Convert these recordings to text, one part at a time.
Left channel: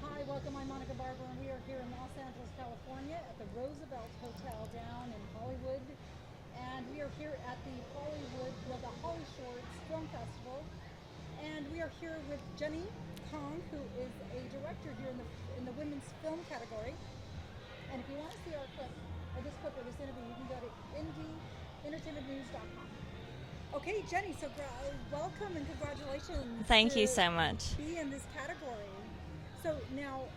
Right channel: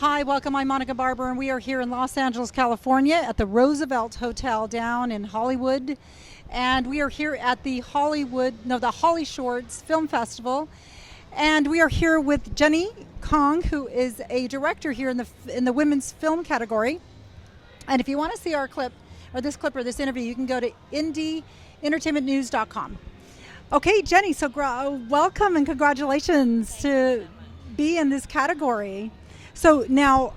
Hi, welcome. I'm Monica Barber, and we are here in Los Angeles, California at the Roosevelt Hotel down in Hollywood. And we are here at the the Holly Shorts Film Festival. And we are here with Jennie Kong, who is a director here in the women's film category. And if you want to see our clip, or this clip, or this interview, you can go to indieentertainmentnews.com. Okay, Jennie, so welcome and congratulations. Thank you so much. Be in this category. So now,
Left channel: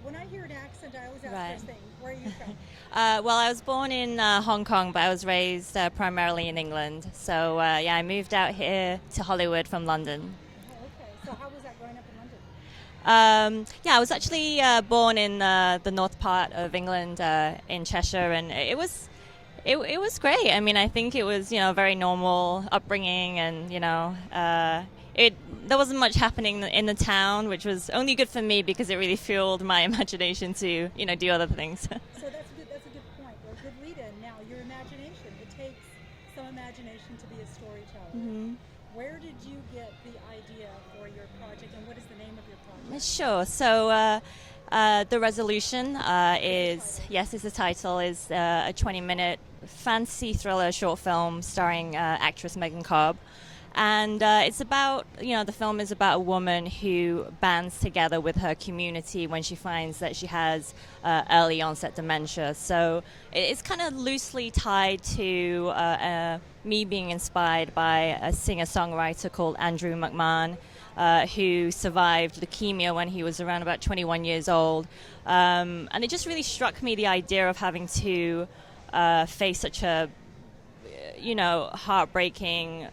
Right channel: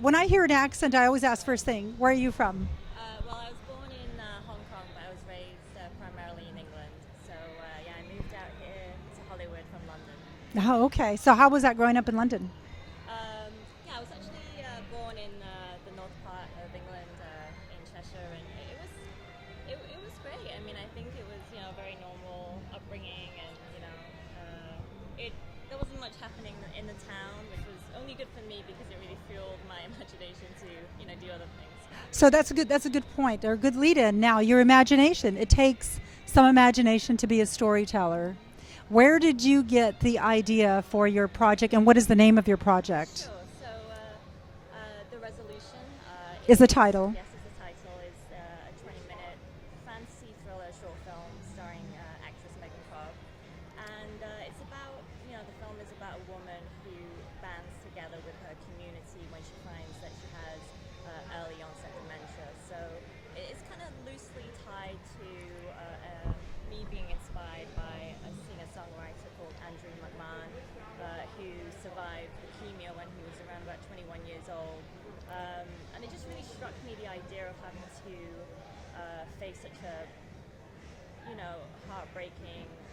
when I hear an accent, I always ask Right. first thing, where are you from? Well, I was born in Hong Kong, but I was raised primarily in England. So, I moved out here to Hollywood from London. Oh, okay. So how was that growing up in London? I was actually born in the north part of England, in Cheshire, and it was great. I mean, I think it was, a very normal upbringing, and, there wasn't much happening in the town, which was only good for me because it really fueled my imagination to, do other things. So that's a good point, or a good lead-in. Now, your imagination. It takes some imagination to be a storyteller. Mm-hmm. Where did you get the idea for your project, and what is the name of your project? Sure. So, The Resolution Is the title. Yes, is the title. Is a 20-minute fantasy thriller short film starring actress Megan Cobb. And it's about, the film is about a woman who bands together with her community when she finds that she has early onset dementia. So it's kind of loosely tied to me being inspired by a singer-songwriter called Andrew McMahon, who survived leukemia when he was around about 21 years old. And it just really struck me, the idea of having to face such a heartbreaking,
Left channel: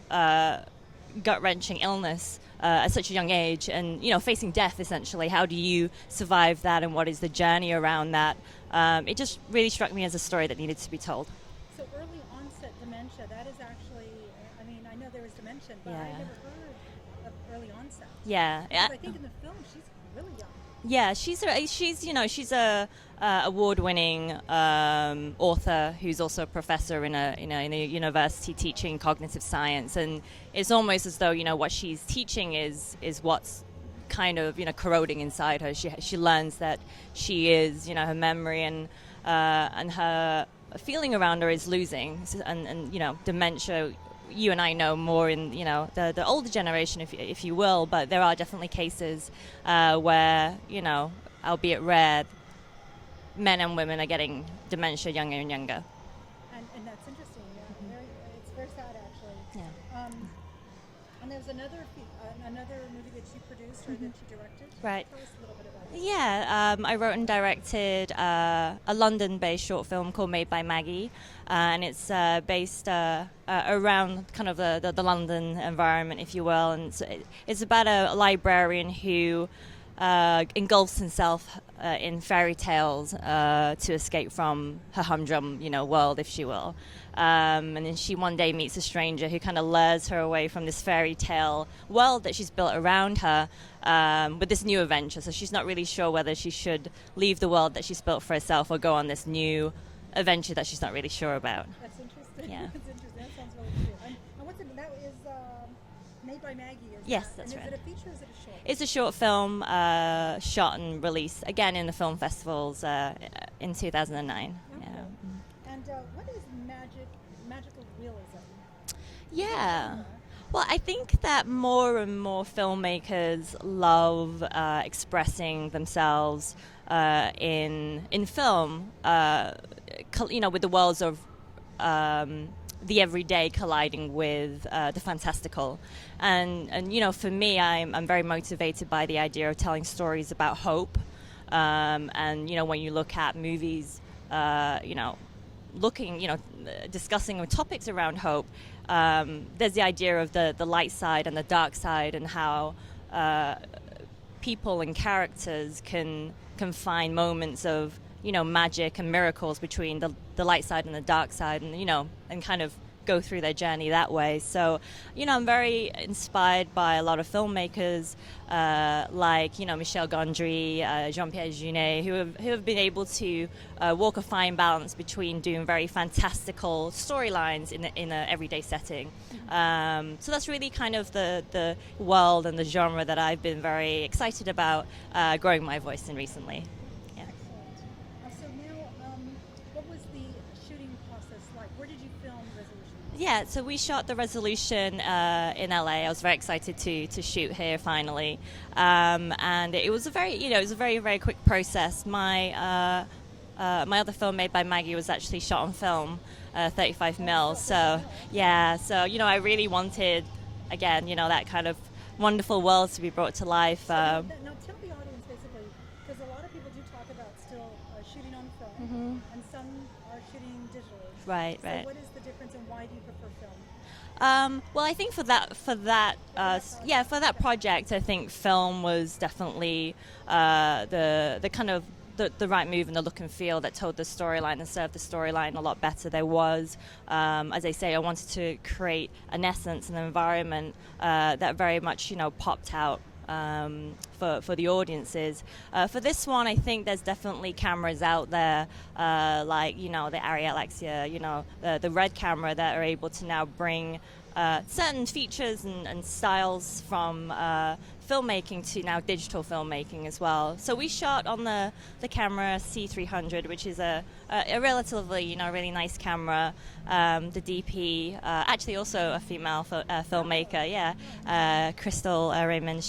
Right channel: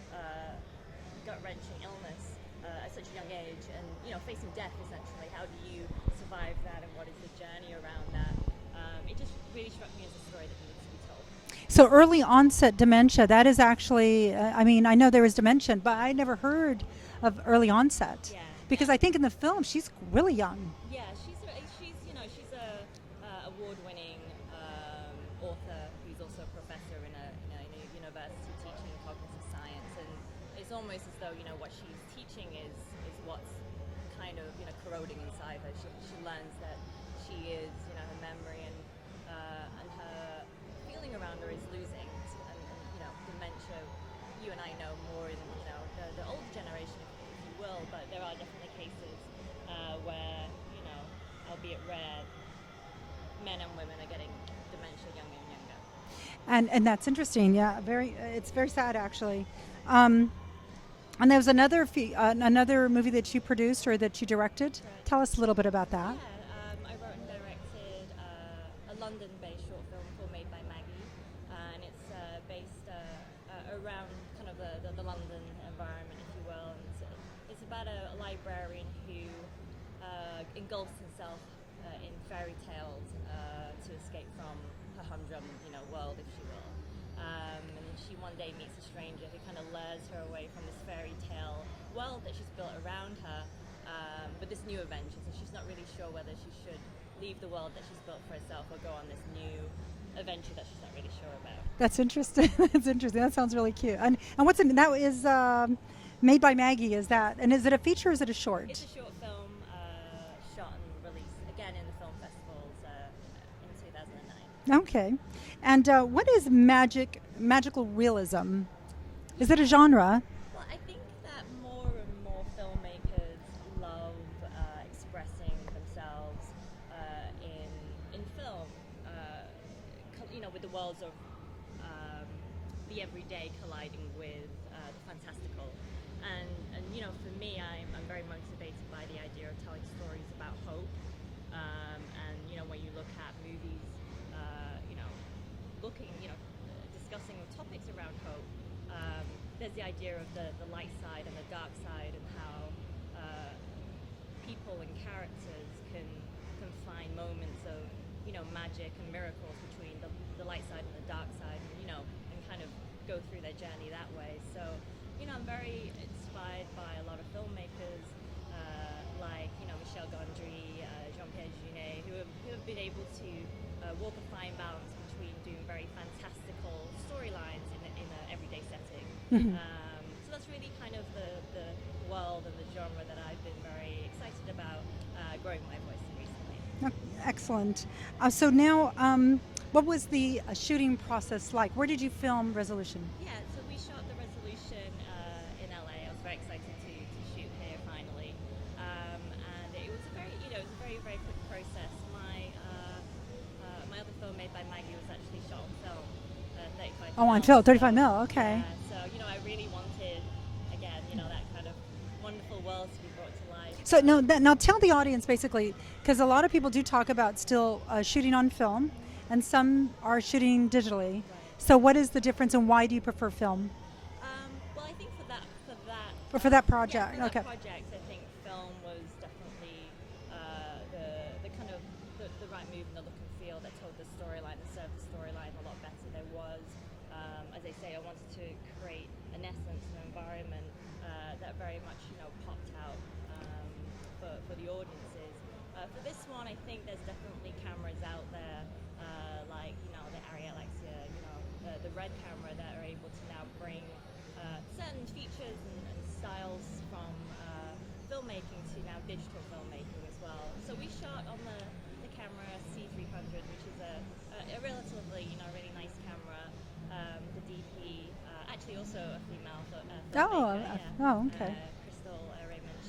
gut-wrenching illness at such a young age, and facing death essentially. How do you survive that, and what is the journey around that? It just really struck me as a story that needed to be told. So early onset dementia, that is actually, I know there is dementia, but I never heard of early onset. Yeah. Because I think in the film she's really young. Yeah, she's a award-winning author who's also a professor in a university teaching cognitive science, and it's almost as though what she's teaching is what's kind of corroding inside her. She learns that she is her memory and her feeling around her is losing, and dementia. You and I know more in the older generation, if you will, but there are definitely cases where albeit rare, men and women are getting dementia younger and younger. And that's interesting. Yeah, it's very sad actually. Yeah. And there was another movie that you produced or that you directed. Right. Tell us a little bit about that. Yeah, I wrote and directed a London-based short film called Made by Maggie, and it's based around kind of the London environment, if you will. And it's about a librarian who engulfs himself in fairy tales to escape from her humdrum, world, if she will. And then she one day meets a stranger who kind of lures her away from this fairy tale world that she's built around her with this new adventure. So she's not really sure whether she should leave the world that she's built for herself or go on this new adventure that she's not really sure about. That's interesting. Yeah. That's interesting. That sounds really cute. And what's it? That is Made by Maggie. Is Yes, that? that's And is right. it a feature or is it a short? It's a short film shot and released again in the film festivals in 2009. Okay. And what is magical realism? Is it a Yeah. genre? Well, I think that more and more filmmakers love expressing themselves in film, with the worlds of the everyday colliding with the fantastical. And for me, I'm very motivated by the idea of telling stories about hope. And when you look at movies, discussing topics around hope, there's the idea of the light side and the dark side, and how people and characters can find moments of magic and miracles between the light side and the dark side, and and kind of go through their journey that way. So, I'm very inspired by a lot of filmmakers like, Michel Gondry, Jean-Pierre Jeunet, who have been able to walk a fine balance between doing very fantastical storylines in a everyday setting. So that's really kind of the world and the genre that I've been very excited about growing my voice in recently. Excellent. So now, what was the shooting process like? Where did you film Resolution? Yeah, so we shot the Resolution in LA. I was very excited to shoot here finally, and it was a very very quick process. My other film made by Maggie was actually shot on film, 35 mil. On film, 35 mil. Okay. Yeah, so I really wanted, again, that kind of wonderful world to be brought to life. So now tell the audience basically, because a lot of people do talk about still shooting on film, and some are shooting digitally. Right. So what is the difference, and why do you prefer film? Well, I think for that project. Yeah, for that project, I think film was definitely the kind of the right move and the look and feel that told the storyline and served the storyline a lot better. There was, as I say, I wanted to create an essence and an environment that very much, popped out for the audiences. For this one, I think there's definitely cameras out there, like, the Arri Alexia, the Red camera, that are able to now bring certain features and styles from filmmaking to now digital filmmaking as well. So we shot on the camera C300, which is a relatively, really nice camera. The DP, actually also a female filmmaker, Crystal Raymond.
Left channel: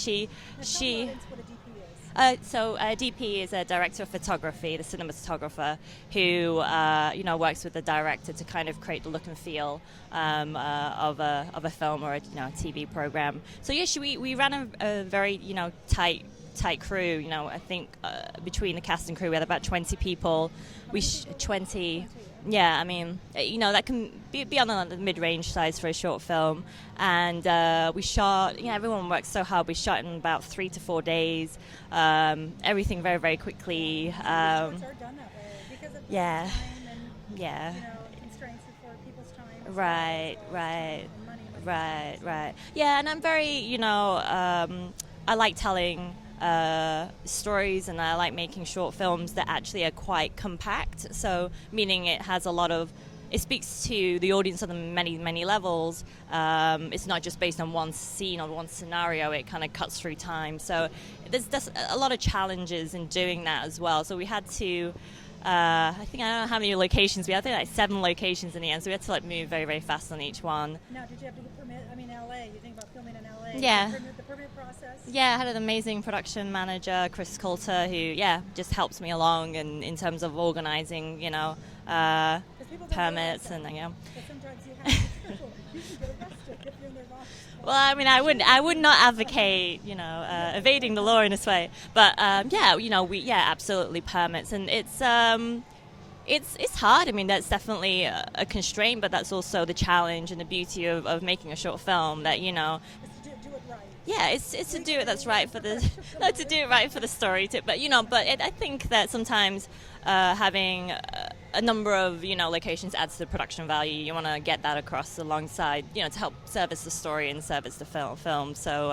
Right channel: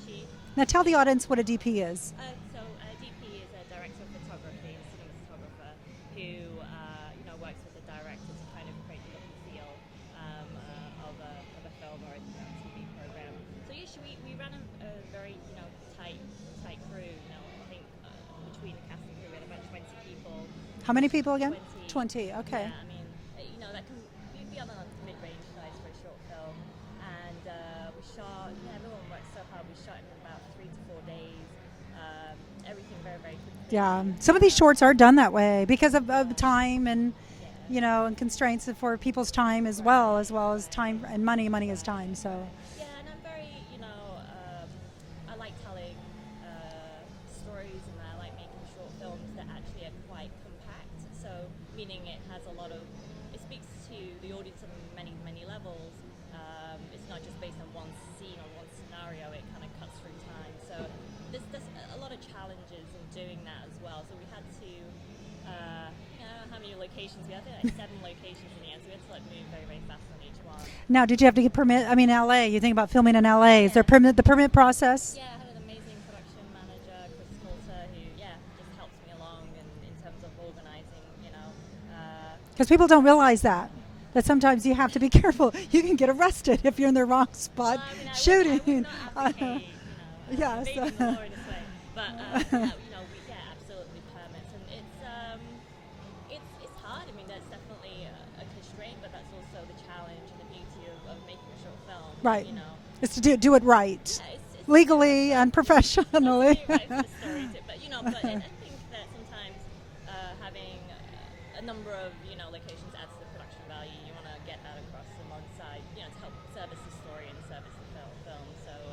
Now tell the audience what a DP is. So a DP is a director of photography, the cinematographer, who works with the director to kind of create the look and feel of a film or a TV program. So we ran a very tight crew. I think between the cast and crew we had about 20 people. How many people again? 20. 20, okay. Yeah, I mean, that can be on the mid-range size for a short film. And we shot, everyone worked so hard. We shot in about 3 to 4 days. Everything very, very quickly. Yeah. Some of these shorts are done that way because of time and and constraints for people's time as well as time and money. Money is time. So. Right. Yeah, and I'm very, I like telling stories, and I like making short films that actually are quite compact. So meaning it speaks to the audience on many, many levels. It's not just based on one scene or one scenario. It kind of cuts through time. So there's a lot of challenges in doing that as well. So we had to, I don't know how many locations we had. I think like 7 locations in the end. So we had to move very, very fast on each one. Now, did you have to get permit? I mean, LA. You think about filming in LA. Yeah. The permit process. Yeah, I had an amazing production manager, Chris Coulter, who just helps me along in terms of organizing. Because people don't realize that sometimes you have to be careful. You can get arrested if you're in the wrong spot. Well, I mean, I would not advocate, evading the law in this way. But we absolutely permits, and it's hard. I mean, that's definitely a constraint, but that's also the challenge and the beauty of making a short film. That it's to do it right. Yeah, it's legally to do it right and professionally. To do it right for the story. I think that sometimes having a number of locations adds to the production value. You want to get that across alongside to help service the story and service the film. So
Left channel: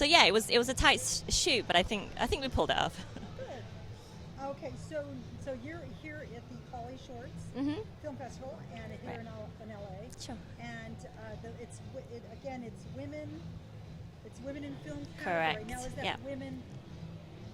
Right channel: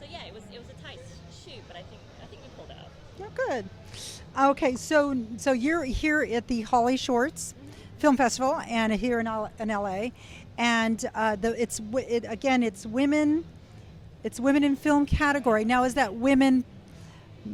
it was a tight shoot, but I think we pulled it off. Oh, good. Okay, so you're here at the Holly Shorts Film Festival, and here in LA, sure. and it's women in film category. Correct. Now, is that women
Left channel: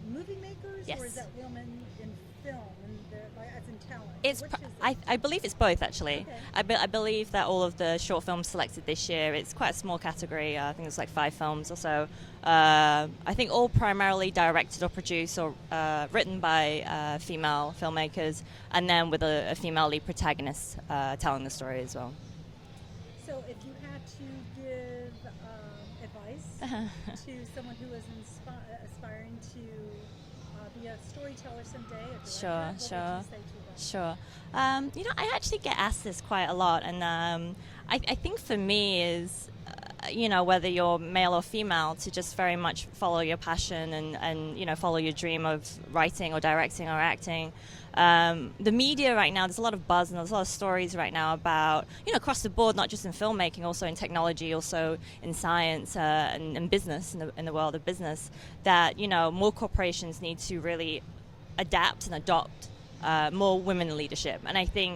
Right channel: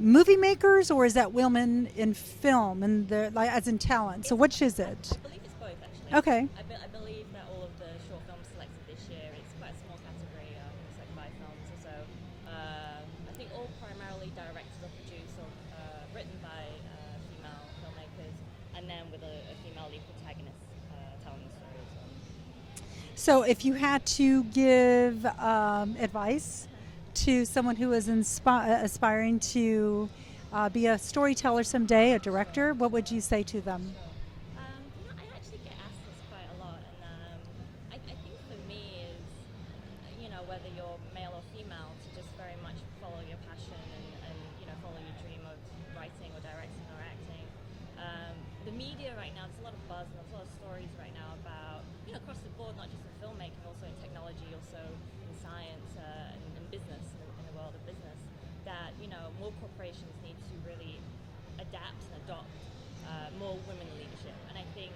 movie makers, or is that women in film and as in talent? So which is it? I believe it's both, actually. Okay. I believe that all of the short films selected this year, it's quite a small category. I think there's like 5 films or so. I think all primarily directed or produced or written by female filmmakers, and then with a female lead protagonist telling the story as well. So if you had to give advice to someone who is aspiring to be a storyteller someday, a director, what would you say to them? Sure. I actually get asked this quite a lot, and I think for me is, whether you're male or female, to just very much follow your passion and follow your dream of writing or directing or acting. The media right now, there's a lot of buzz and there's a lot of stories right now about, across the board, not just in filmmaking, also in technology, also in science and business, in the world of business, that, more corporations need to really adapt and adopt more women in leadership. And I think